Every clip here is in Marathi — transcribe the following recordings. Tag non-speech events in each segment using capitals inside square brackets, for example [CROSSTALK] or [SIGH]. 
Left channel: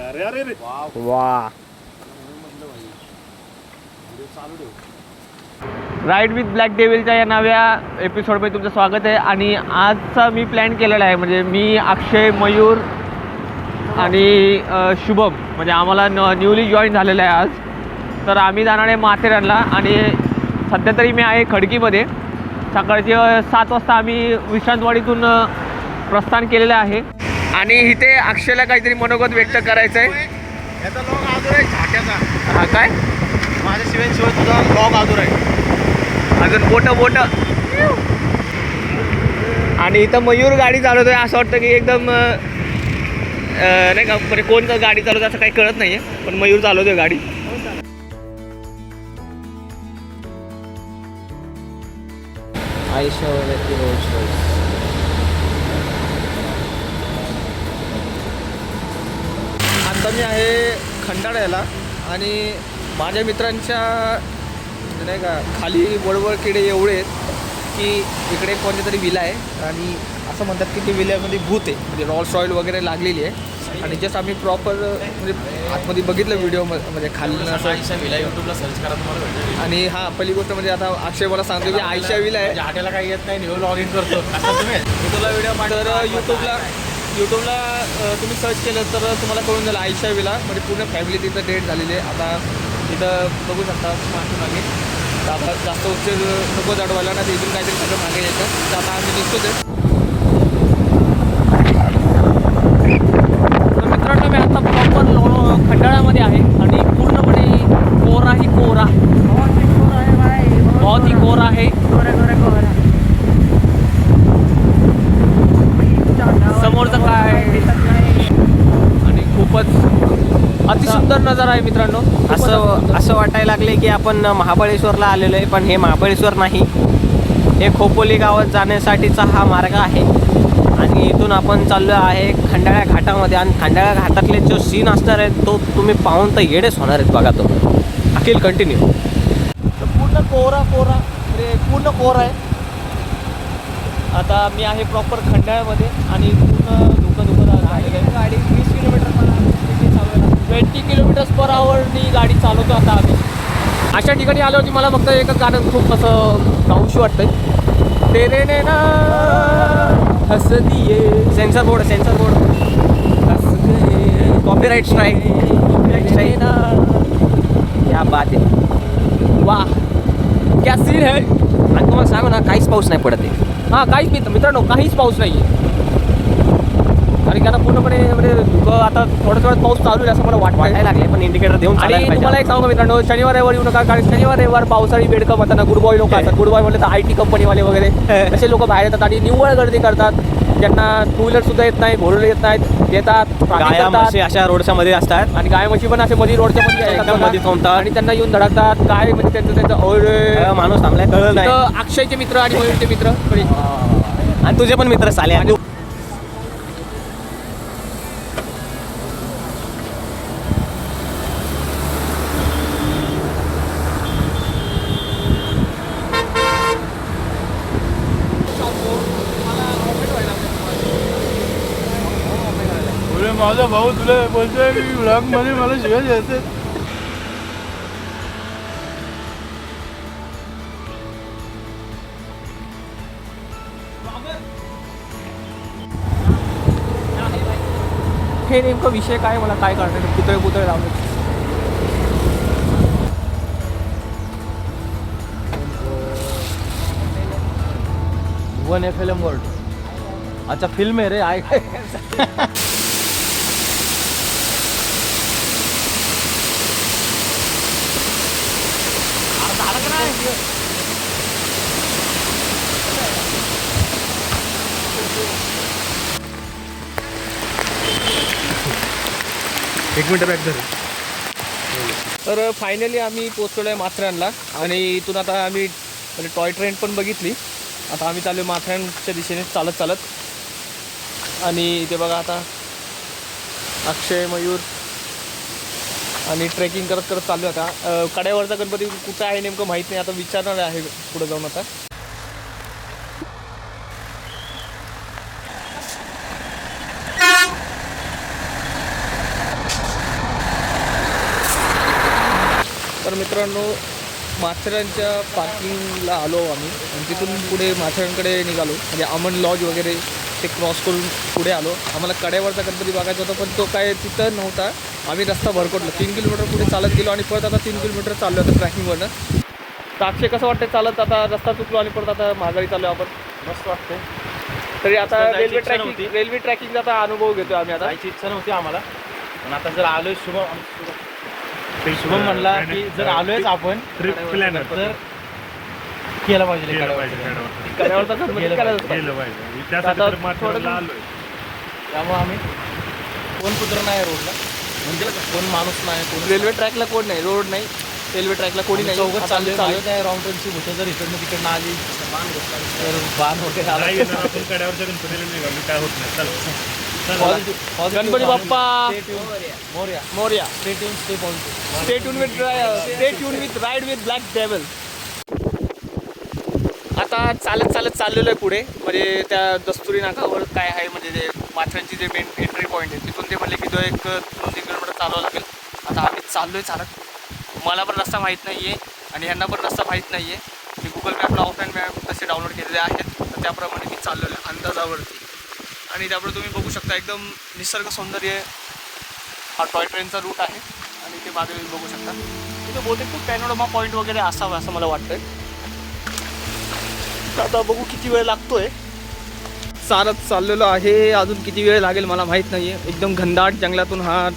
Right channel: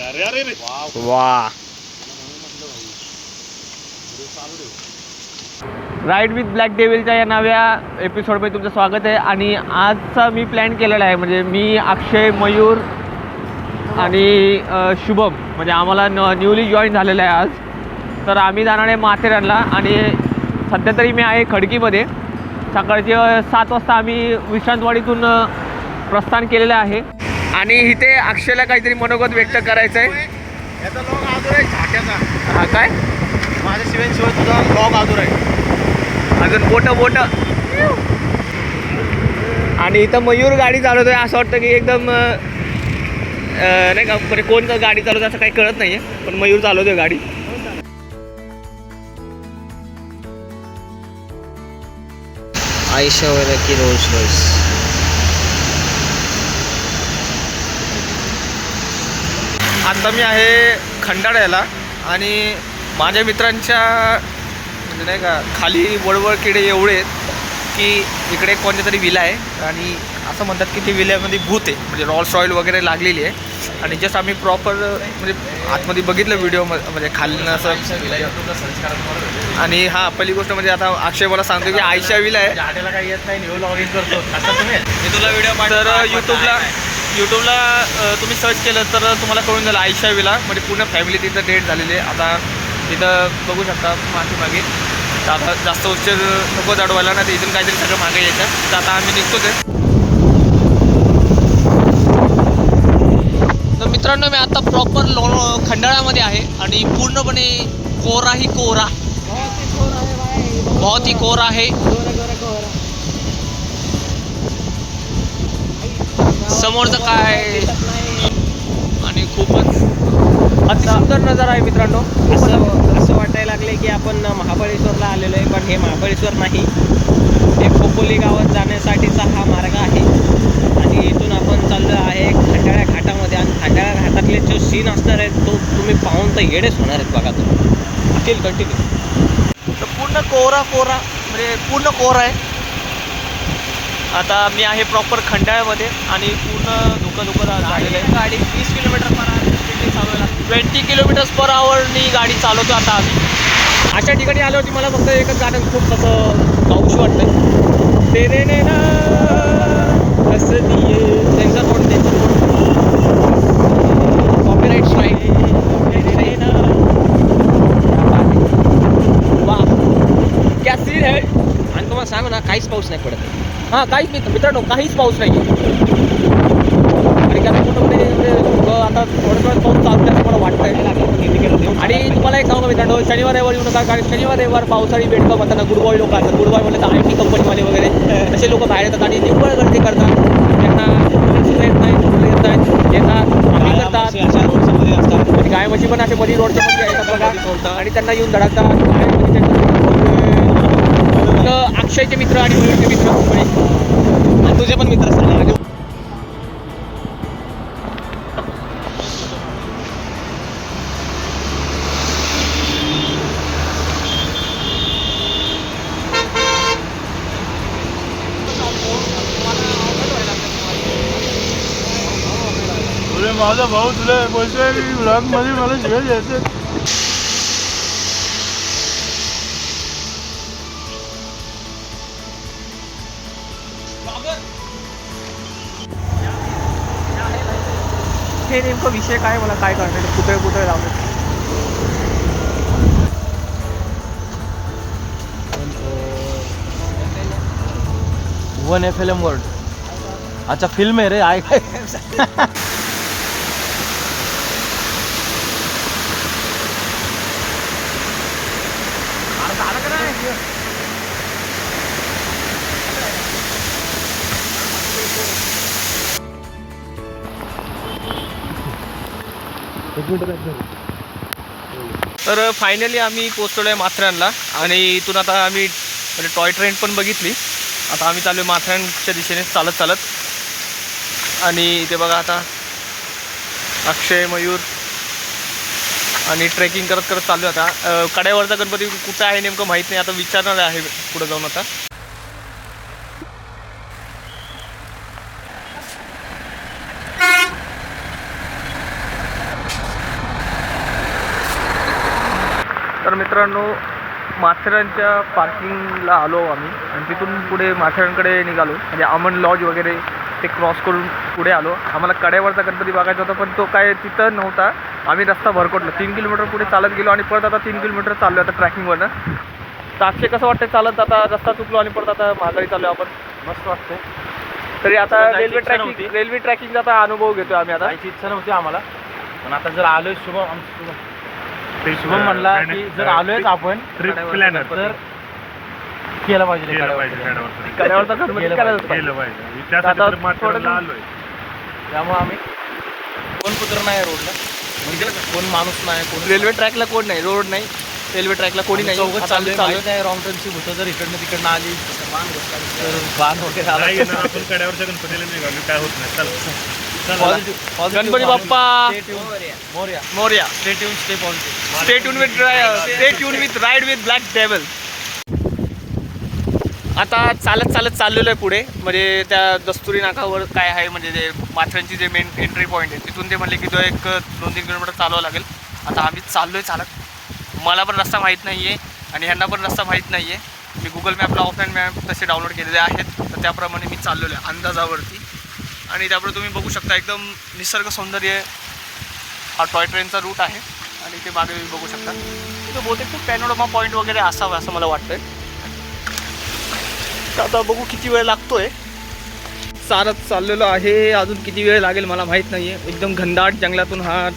अरे अरे रे वा. राईड विथ ब्लॅक डेव्हिलच्या या नव्या एपिसोडमध्ये तुमचं स्वागत आहे. आणि आजचा मी प्लॅन केलेला आहे. म्हणजे मी अक्षय मयूर आणि शुभम. म्हणजे आम्हाला न न्यूली जॉईन झालेलं आहे आज. तर आम्ही जाणार आहे माथेरानला. आणि सध्या तरी मी आहे खडकीमध्ये. सकाळचे सात वाजता आम्ही विश्रांतवाडीतून प्रस्थान केलेलं आहे. आणि इथे अक्षयला काहीतरी मनोगत व्यक्त करायचं आहे याचा लॉग आदूर आहे झाट्याचा हा काय? माझ्या शिवाय तुझा लॉग आदूर आहे. अजून बोट बोट. आणि इथं मयूर गाडी चालवतोय असं वाटतं की एकदम नाही का म्हणजे कोण का गाडी चालवतं असं काही कळत नाही आहे पण मयूर चालवतोय गाडी. आयशावाला की रोज रोज आता मी आहे खंडाळ्याला आणि माझ्या मित्रांच्या म्हणजे नाही का खाली वळवळ किडे एवढे आहेत की इकडे कोणत्या तरी विला आहे. आणि असं म्हणतात की ती विल्यामध्ये भूत आहे. म्हणजे रॉल्स रॉयल वगैरे लागलेली आहे. आणि जस्ट आम्ही प्रॉपर म्हणजे आतमध्ये बघितलं व्हिडिओ म्हणजे खाल्लं असं. आणि हा पहिली गोष्ट म्हणजे आता अक्षय मला सांगतो की आयशा विला आहे. झाट्याला काही येत नाही लॉग इन करतो. असं तुम्ही? मी तुला व्हिडिओ तर यूट्यूबला यूट्यूबला तुम्ही सर्च केलं तर तुम्हाला कळून जाईल आयशा विला म्हणजे पूर्ण फॅमिली तिथं डेट झालेली आहे. आता तिथं बघू शकता मागे मागे. तर आता जास्त उच्च नको जाडवायला ना ते इथून काहीतरी सगळं मागे यायचं. तर आता आम्ही निघतोच आहे. तर मित्रांनो मी आता प्रॉपर लो खंडाळ्यामध्ये आहे आणि पूर्णपणे कोरा. ही कोरा बहुत ही कोरा आहे. समोरचं काय? आणि खूपच अतिसुंदर नजारा आहे मित्रांनो. असं असं वाटायला लागले की आपण महाबळेश्वरला आलेलो आहे पण हे महाबळेश्वर नाही. हे खोपोली गावात जाण्यासाठीचा हा मार्ग आहे. आणि इथून आपण चाललो आहे खंडाळा घाटामध्ये. आणि खंडाळा घाटातले जो सीन असणार आहे तो तुम्ही पाहून तर येडेच होणार आहेत बघा तुम्ही. अखिल कंटिन्यू तर पूर्ण कोरा कोरा म्हणजे पूर्ण कोरा आहे. आता मी आहे प्रॉपर खंडाळ्यामध्ये आणि पूर्ण धुकं धुकं झालेलं आहे. गाडी वीस किलोमीटर पर स्पीडने चालवायला ट्वेंटी किलोमीटर्स पर आवरनी गाडी चालवतो आता आम्ही. अशा ठिकाणी आल्यावरती मला फक्त एकच गाणं खूप असं गाऊशी वाटतं तेरे ने ना दिए censor board censor board copyright strike ना या बात आहे वा क्या सीन है? आणि तुम्हाला सांगू ना काहीच पाऊस नाही पडत आहे. हां काहीच मित्र मित्रांनो काहीच पाऊस नाही आणि त्यांना पूर्णपणे म्हणजे आता थोडं थोडं पाऊस चालू आहे असं मला वाटायला लागले पण इंडिकेटर देऊन आणि तुम्हाला एक सांगू मित्रांनो शनिवार रविवार येऊ नका कारण शनिवार रविवार पावसाळी बेडकं म्हणतात गुड बॉय लोक असतात. गुड बॉय म्हणलं तर आय टी कंपनीवाले वगैरे. [LAUGHS] तसे लोक बाहेर येतात आणि निव्वळ गर्दी करतात. त्यांना टू व्हीलर सुद्धा येत नाही घोडले येत नाहीत येतात. राखी गाया करतात. म्हशी अशा रोडच्या मध्ये असतात. आणि गाय म्हशी पण असे मध्ये रोडच्या मध्ये येतात एकदम बघा. मध्ये कोणता? आणि त्यांना येऊन धडकतात. काय म्हणजे त्यांचं माणूस तर अक्षयचे मित्र आणि मयूरचे मित्र. आणि तुझे पण मित्र साले. आणि अरे माझा भाऊ तुला बोलतोय ब्लॉगमध्ये मला शिवाय द्यायचे. हे नेमकं विषय काय मला काय कळणार पुतळे पुतळे लावले. One F L M world. अच्छा फिल्म आहे रे. आय काय एक मिनिट बॅक तर फायनली आम्ही पोचलो आहे माथऱ्यांना आणि इथून आता आम्ही म्हणजे टॉय ट्रेन पण बघितली. आता आम्ही चालू आहे माथऱ्यांच्या दिशेने चालत चालत. आणि इथे बघा आता अक्षय मयूर आणि ट्रेकिंग करत करत चालू आहे आता कड्यावरचा गणपती कुठं आहे नेमकं माहीत नाही. आता विचारणार आहे पुढे जाऊन आता. तर मित्रांनो माथेरानच्या पार्किंगला आलो आम्ही आणि तिथून पुढे माथेरानकडे निघालो. म्हणजे अमन लॉज वगैरे ते क्रॉस करून पुढे आलो. आम्हाला कड्यावरचा गणपती बघायचा होता पण तो काय तिथं नव्हता. आम्ही रस्ता भरकटलो. तीन किलोमीटर पुढे चालत गेलो आणि परत आता तीन किलोमीटर चाललो आता ट्रॅकिंगवरनं. अक्षय कसं वाटतं चालत आता रस्ता चुकलो आणि परत आता माघारी चाललो आपण. मस्त वाटतं तरी आता रेल्वे ट्रॅकिंग. रेल्वे ट्रॅकिंगचा आता अनुभव घेतोय आम्ही आता. इच्छा नव्हती आम्हाला. पण आता जर आलोय शुभम ते शुभम म्हणला की जर आलोयच आपण Trip planner. तर केलं पाहिजे ते केलं करायचं. पाहिजे गडावर. कड्यावरचा गणपती गेलं करायचा. होता. केलं पाहिजे. आता त्यासाठी तर माथेरानला थोडं- आलोय त्यामुळे आम्ही कोण पुत्र नाही रोडला. म्हणजे कोण माणूस नाही कोण रेल्वे ट्रॅकला कोण नाही? रोड नाही. रेल्वे ट्रॅकला कोणी नाही. चाललोय आम्ही माहीत आहे रॉंग टर्नची होतं जर इकडनं तिकडनं आली तर बाण वगैरे आला. नाही येणार आपण [LAUGHS] कड्यावरच्या गणपतीला निघालो. काय होत नाही. चला. चला positive Ganpati. Bappa. Morya. Morya. Stay tune stay positive stay tune with stay tune with ride with black devil आता चालत चालत चाललेलो आहे पुढे. म्हणजे त्या दस्तुरी नाकावर काय आहे म्हणजे जे माथ्यांची जे मेन एंट्री पॉईंट आहे तिथून ते म्हणले की तो एक दोन तीन किलोमीटर चालवावं लागेल. आता आम्ही चाललोय चालत. मला पण रस्ता माहीत नाही आहे आणि ह्यांना पण रस्ता माहीत नाही आहे मी गुगल मॅपला ऑफलाईन मॅप तसे डाउनलोड केलेले आहेत. तर त्याप्रमाणे मी चाललेलो आहे अंदाजावरती. आणि त्यापुढे तुम्ही बघू शकता एकदम निसर्ग सौंदर्य हा टॉय ट्रेनचा रूट आहे. आणि इथे मागे तुम्ही बघू शकता. तिथे बहुतेक ते पॅनोरमा पॉईंट वगैरे असावं असं मला वाटतंय. आता बघू किती वेळ लागतोय. चालत चाललेलो आहे. अजून किती वेळ लागेल मला माहीत नाही आहे एकदम घनदाट जंगलातून हा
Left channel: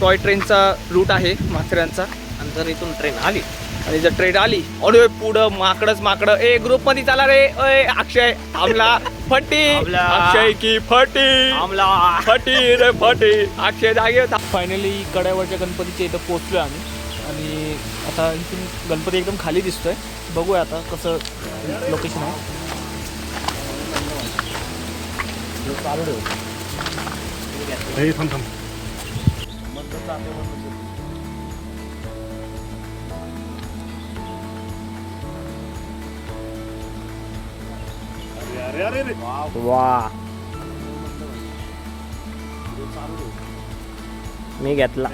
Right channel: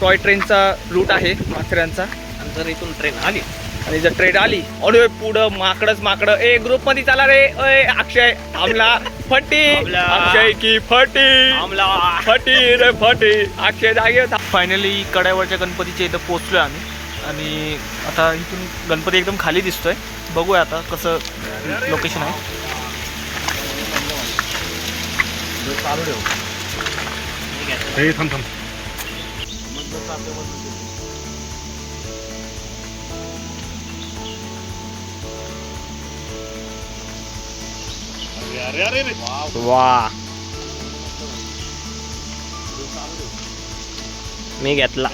टॉय ट्रेनचा रूट आहे माथेरानचा. आणि जर इथून ट्रेन आली. आणि जर ट्रेन आली अरे पुढं माकडच माकडं. ए ग्रुपमध्ये चला रे. अय अक्षय थांबला. फटी. अक्षय की फटी. आमला. फटी रे फटी. अक्षय जागे फायनली कड्यावरच्या गणपतीच्या इथं पोहोचलोय आम्ही. आणि आता इथून गणपती एकदम खाली दिसतोय. बघूया आता कसं लोकेशन आहे. चालू ठेव हे थांब थांब. अरे अरे वा. मी घेतला.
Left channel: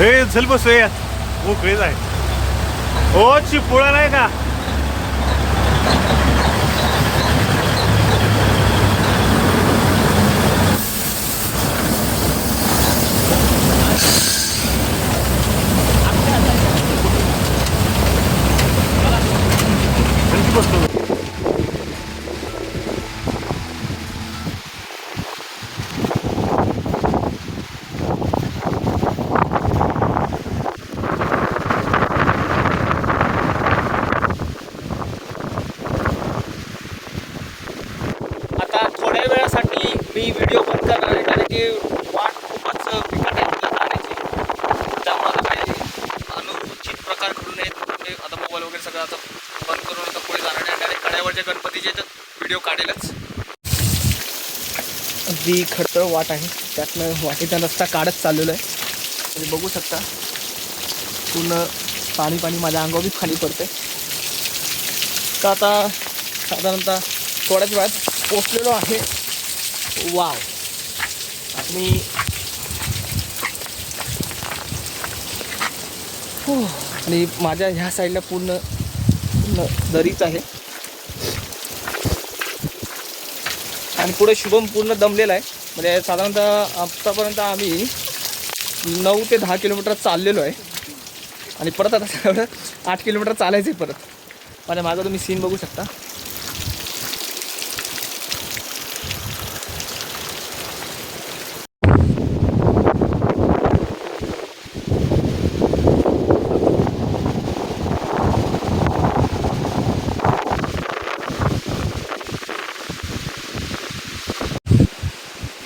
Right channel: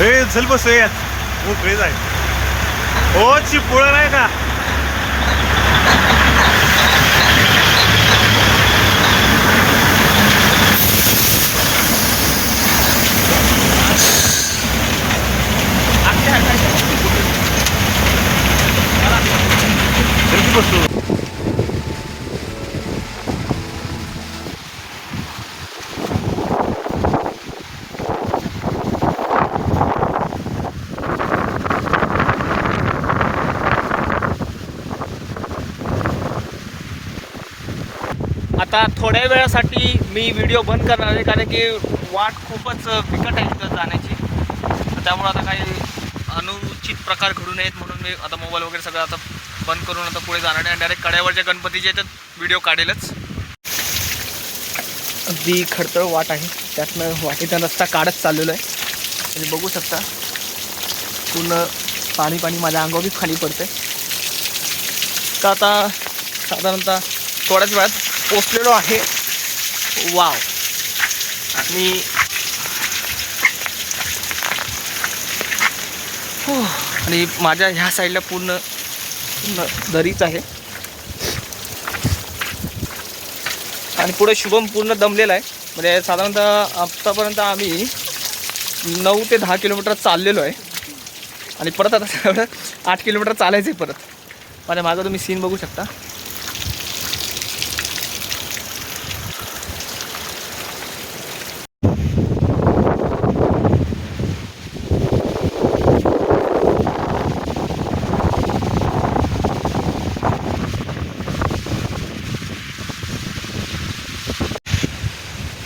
ए चल बस रे मोकळेच आहे हो चिपुळा नाही का आता थोड्या वेळासाठी मी व्हिडिओ बंद करणार आहे कारण की वाट खूपच बिकट आहे तिथं जाण्याची. त्यामुळे आता काही अनुचित प्रकार घडू नयेत म्हणून मी आता मोबाईल वगैरे सगळं आता बंद करून आता पुढे जाणार नाही डायरेक्ट कड्यावरच्या गणपतीचे तर व्हिडिओ काढेलच. अगदी खडतळ वाट आहे. त्यातनं वाटेचा रस्ता काढत चाललेलो आहे. तुम्ही बघू शकता. पूर्ण पाणी पाणी माझ्या अंगावर बी पडते तर आता साधारणतः थोड्याच वेळात पोचलेलो आहे. वाव. आणि हो, आणि माझ्या ह्या साईडला पूर्ण दरीच आहे. आणि पुढे शुभम पूर्ण दमलेला आहे. म्हणजे साधारणतः आत्तापर्यंत आम्ही नऊ ते दहा किलोमीटर चाललेलो आहे. आणि परत आता [LAUGHS] आठ किलोमीटर चालायचं आहे परत. म्हणजे माझा तुम्ही सीन बघू शकता.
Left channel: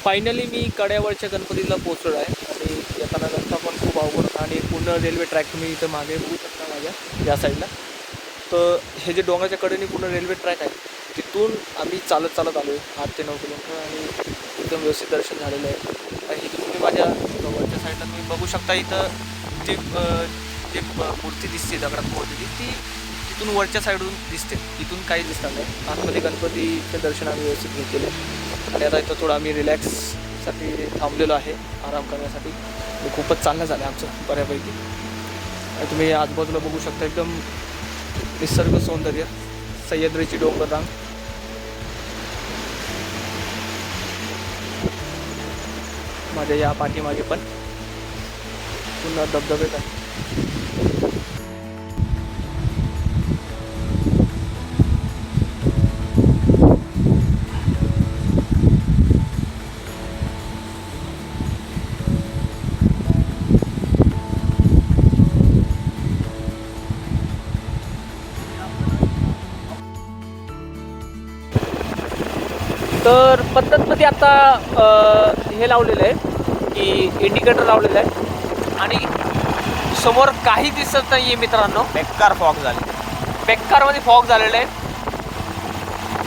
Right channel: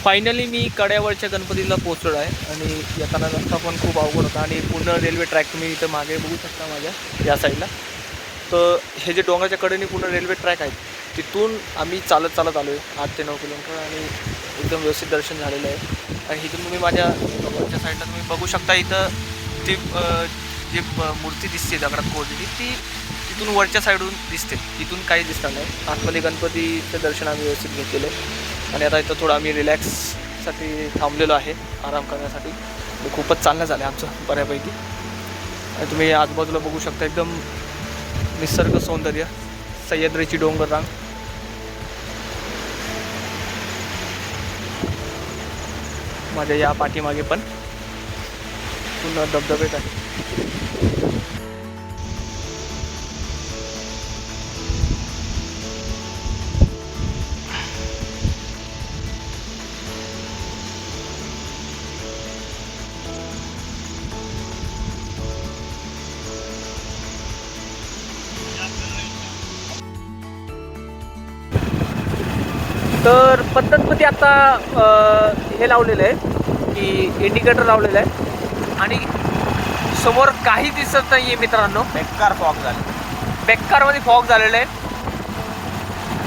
फायनली मी कड्यावरच्या गणपतीला पोहोचलो आहे आणि येताना रस्ता पण खूप अवघड होता आणि पूर्ण रेल्वे ट्रॅक तुम्ही इथं मागे बघू शकता माझ्या या साईडला तर हे जे डोंगराच्या कडेने पूर्ण रेल्वे ट्रॅक आहे तिथून आम्ही चालत चालत आलो आहे आठ ते नऊ किलोमीटर आणि एकदम व्यवस्थित दर्शन झालेलं आहे. आणि इथून तुम्ही माझ्या वरच्या साईडला तुम्ही बघू शकता इथं ती जी मूर्ती दिसते दगडात कोरलेली ती तिथून वरच्या साईडून दिसते. तिथून काही दिसणार नाही. आतमध्ये गणपतीचं दर्शन आम्ही व्यवस्थित घेतलेलं आहे. आणि आता इथं थोडं आम्ही रिलॅक्ससाठी थांबलेलो आहे आराम करण्यासाठी. खूपच चांगलं झालं आहे आमचं बऱ्यापैकी. आणि तुम्ही आजूबाजूला बघू शकता एकदम निसर्ग सौंदर्य सह्याद्रीची डोंगर रांग. माझ्या या पाठीमागे पण पुन्हा धबधबेत आहे तर पद्धतमध्ये आता हे लावलेलं आहे की इंडिकेटर लावलेलं आहे. आणि समोर काही दिसत नाही आहे मित्रांनो. बेकार फॉग झाली. बेकारमध्ये फॉग झालेलं आहे.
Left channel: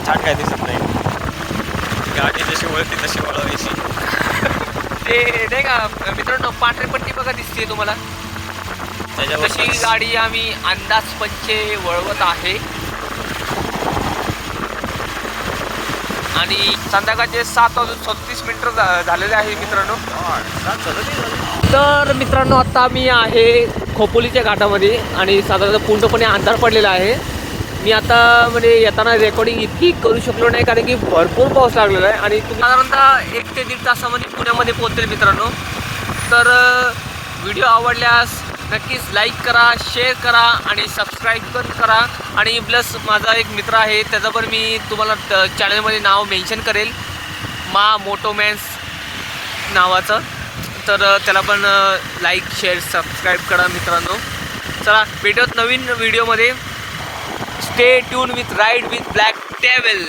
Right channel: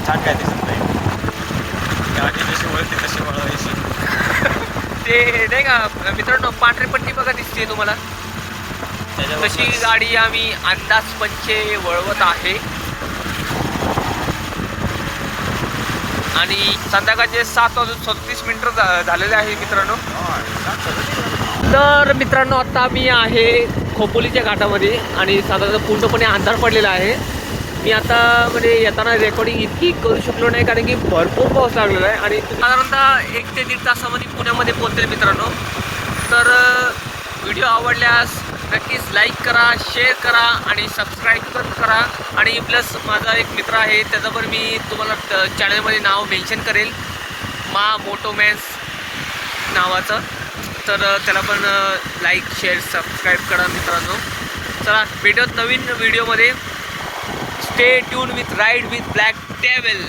छान काय दिसत नाही. गाडी जशी वळती तशी वळवायची ते नाही का मित्रांनो पांढरी पट्टी बघा दिसते तुम्हाला. तशी गाडी आम्ही अंदाज पंचे वळवत आहे. आणि संध्याकाळचे सात वाजून छत्तीस मिनिटं झालेले आहे मित्रांनो. तर मित्रांनो आत्ता मी आहे खोपोलीच्या घाटामध्ये आणि साधारण पूर्णपणे अंधार पडलेला आहे. मी आता म्हणजे येताना रेकॉर्डिंग इतकी करू शकलो नाही कारण की भरपूर पाऊस लागलेला आहे आणि साधारणतः एक ते दीड तासामध्ये पुण्यामध्ये पोहोचेल मित्रांनो. तर व्हिडिओ आवडल्यास नक्कीच लाईक करा शेअर करा आणि सबस्क्राईब पण करा. आणि प्लस माझा एक मित्र आहे त्याचं पण मी तुम्हाला चॅनलमध्ये नाव मेन्शन करेल. मा मोटोमॅन्स नावाचं. तर त्याला पण लाईक शेअर सबस्क्राईब करा मित्रांनो. चला भेटत नवीन व्हिडिओमध्ये stay tune with ride with black table